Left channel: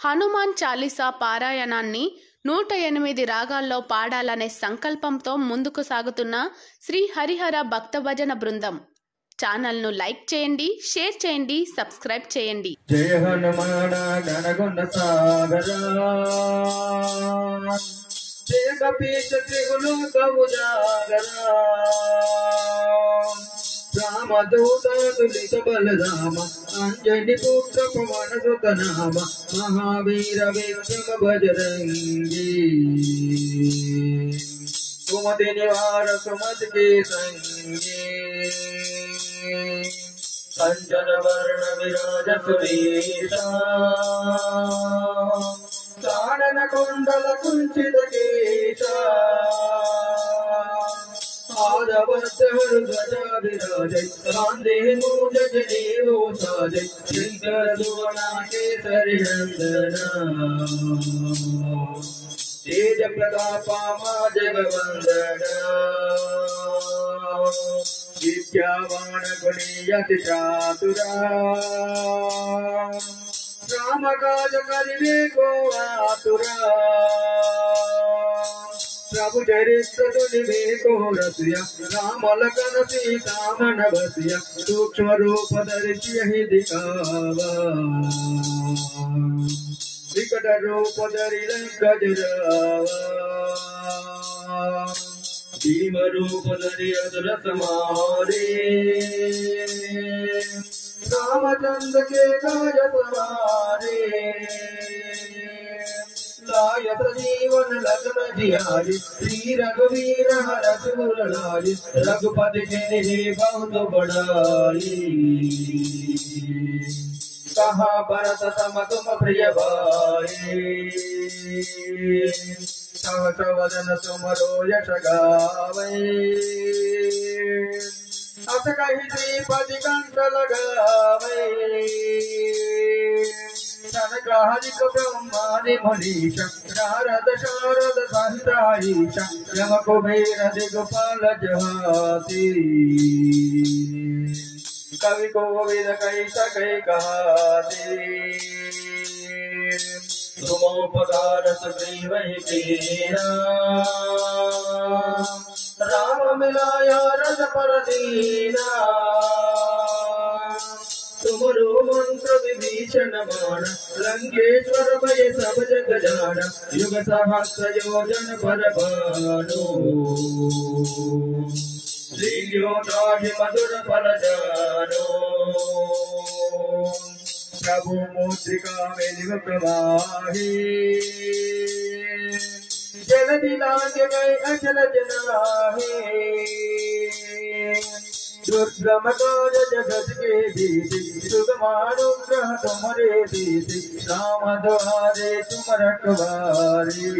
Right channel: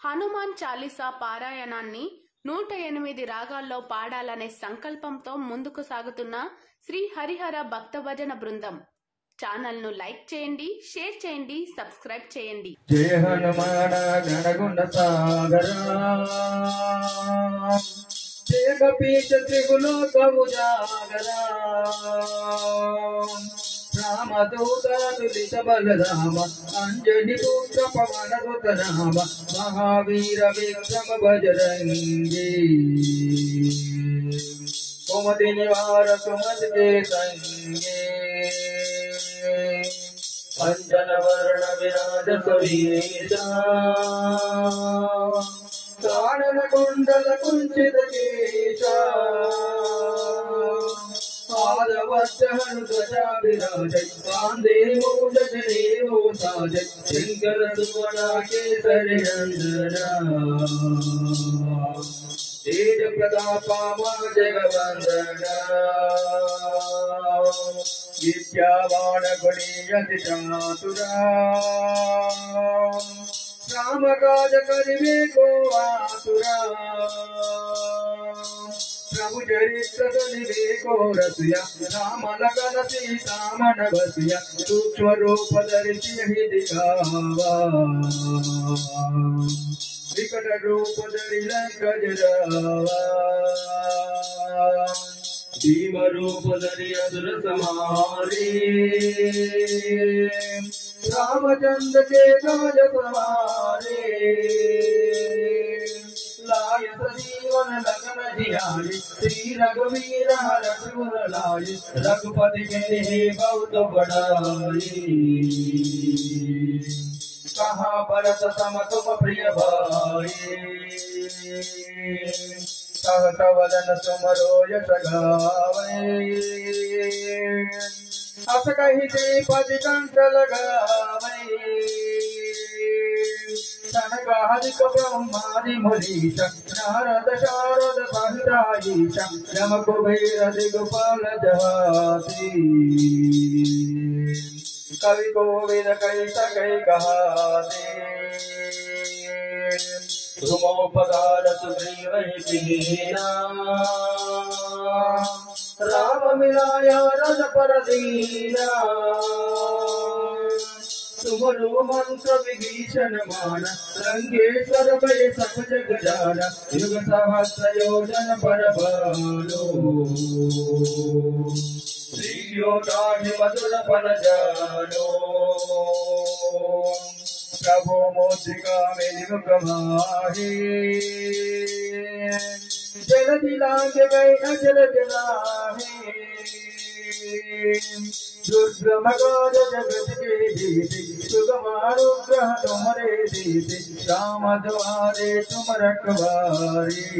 హనుమాన్ చాలీసా పారాయణాన్ని 108 రాగాల్లో పాడాలనే సంకల్పంతో ముందుకు సాగుతున్న శ్రీ హరిహర భక్త భజన బృందం. ఛానల్ను లైక్ చేయండి, షేర్ చేయండి, సబ్స్క్రైబ్ చేయండి. జయ హనుమాన గణగుణ సాగరా జయ కపీశ త్రిగులోక ఉజాగరా రామదూత తులిత బలరామ అంజని పుత్ర పవన సుత నామ మహావీర విక్రమ బజరంగి కుమతి నివార సుమతి के संगे कंचन वर्ण विराज सुरेशा कानन कुंडल कुंचित केशा आदवत्सहरु ध्वजा विराजै कांधे मूंज जनेऊ साजै शंकर सुवर्ण केसरी नंदना तेज प्रतापा जगवंदना विद्यावान गुणीयति चातुरा राम काज करिवे को आतुरा प्रभु चरित्र तुलिवे को रसिया राम लखन सीता मन बसिया सूक्ष्म रूप धरि ही दिखावा विकट रूप धरि लंक जरावा भीम रूप धरि असुर संहारे रामचंद्र के काज सवारे लायत जीवन लगन जियारी श्री रघुवीर हरषुर लाय रघुपति जिन्हि बहुत बड़ाई कहा भरत सम तुम प्रिय भाई सहस वदन सुमरो यश गावै अस कहि श्रीपति कंठ लगावै सनकादिक ब्रह्मादि मुनीश नारद शारद सहित यम कुबेर दिगपाल जहाती कवि कोविद कई सकै कहाते तुमोपकार सुग्रीवहि दीना राम मिलाया रस पर दीना तुमरो मंत्र विभीषण मान लंकेश्वर भय सब जग जाना युग सहस्र योजन पर भानु श्रीयो नाहि मधुर फल जानो प्रभु मुद्रिका मेलि मुख माही जलधि लांग गए अचल जनाहे दुर्गम काज जगत के दीते सुगमानुग्रह तुम्हारे दीते राम द्वारे तुम रखवारे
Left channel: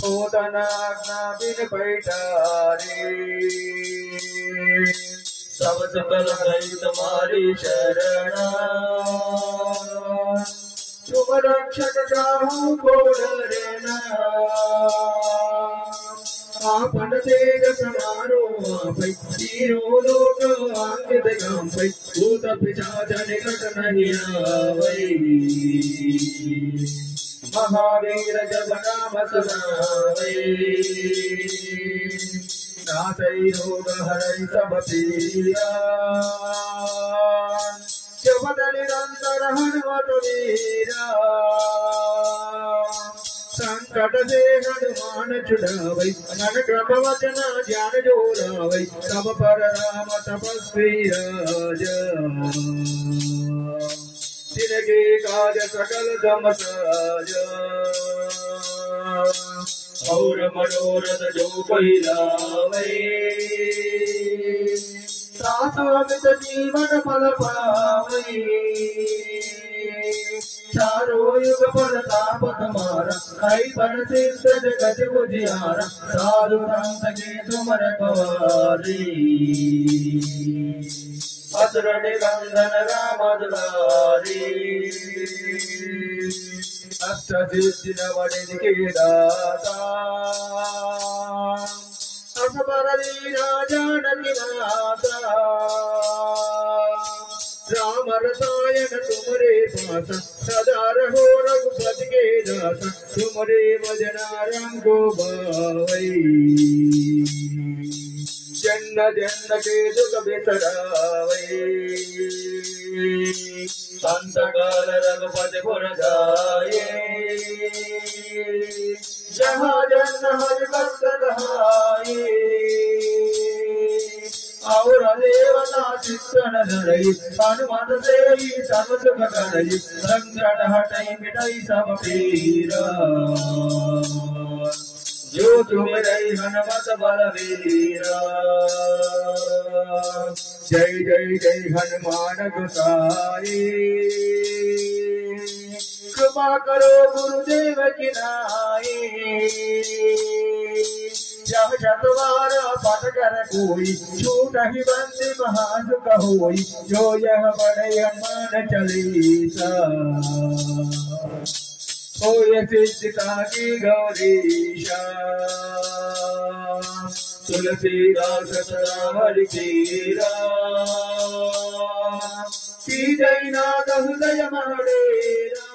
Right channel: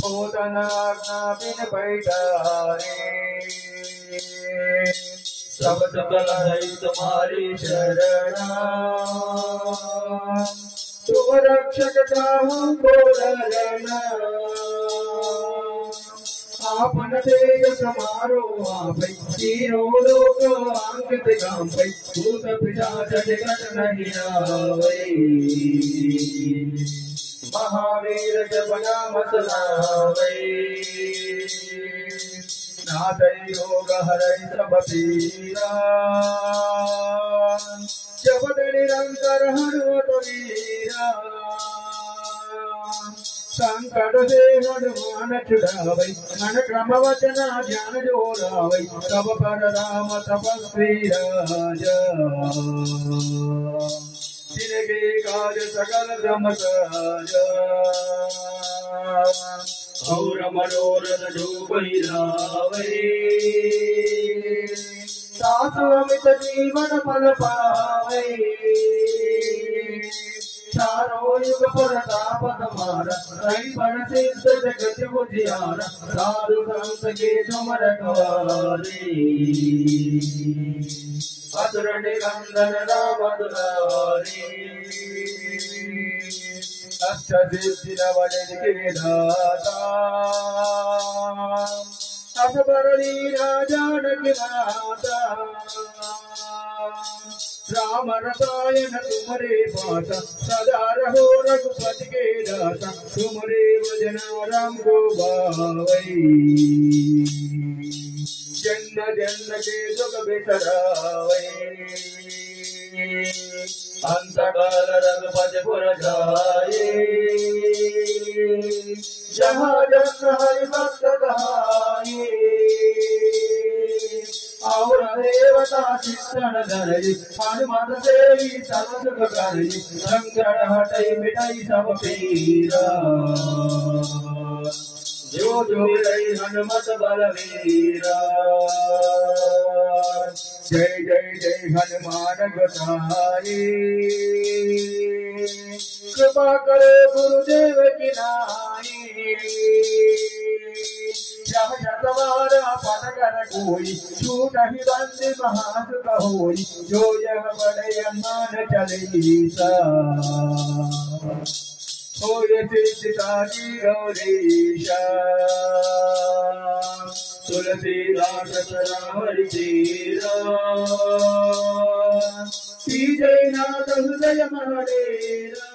होतन आज्ञा बिन पैठारे सब सकल है तुम्हारी शरणा तुम रक्षक काहू को डरना आपन तेज समारो आपै तीनों लोक अंकित गांपै भूत पिशाच निकट नहीं आवै महावीर जब नाम सुनावै नाथै रोग हरै सब पीरा जपत निरंतर हनुमत वीरा संकट से हनुमान छुड़ावै मन क्रम वचन ध्यान जो लावै तब पर राम तपस्वी राजा जिनके काज सकल गम साजा और मनोरथ जो कोई लावै सासु अमित जीवन फल पावै चारो युग पर ताप तुम्हारा कई पर सिद्ध जगत उजियारा साधु संत के तुम रखवारे असुर निकंदन राम दुलारे अष्ट सिद्धि नवनिधि के दाता असबर लीला जानकी माता राम रसायन तुमरे पासा सदा रहो रघुपति के दासा तुमरे भजना राम को गावै जन्म जन्म के दुख बिसरावै अंतकाल रघुपति पुर जाए जहाँ जन्म हरि भक्त कहाए और देवता चित्तन धरई हनुमत सेई सब सुख करई संकट हटई मिटई सब पीरा जो तुमरई हनुमत बलवीरा जय जय जय हनुमान गोसाई कृपा करो गुरुदेव की नाई जह शतवारा पद कर कोई छूट ही बंदी महासुख होई जो यह बड़े हनुमान चालीसा होय सिद्धिता की गौरीशा तुलसीदास राम हरि तेरा की जय नाथ हृदय महडेरा।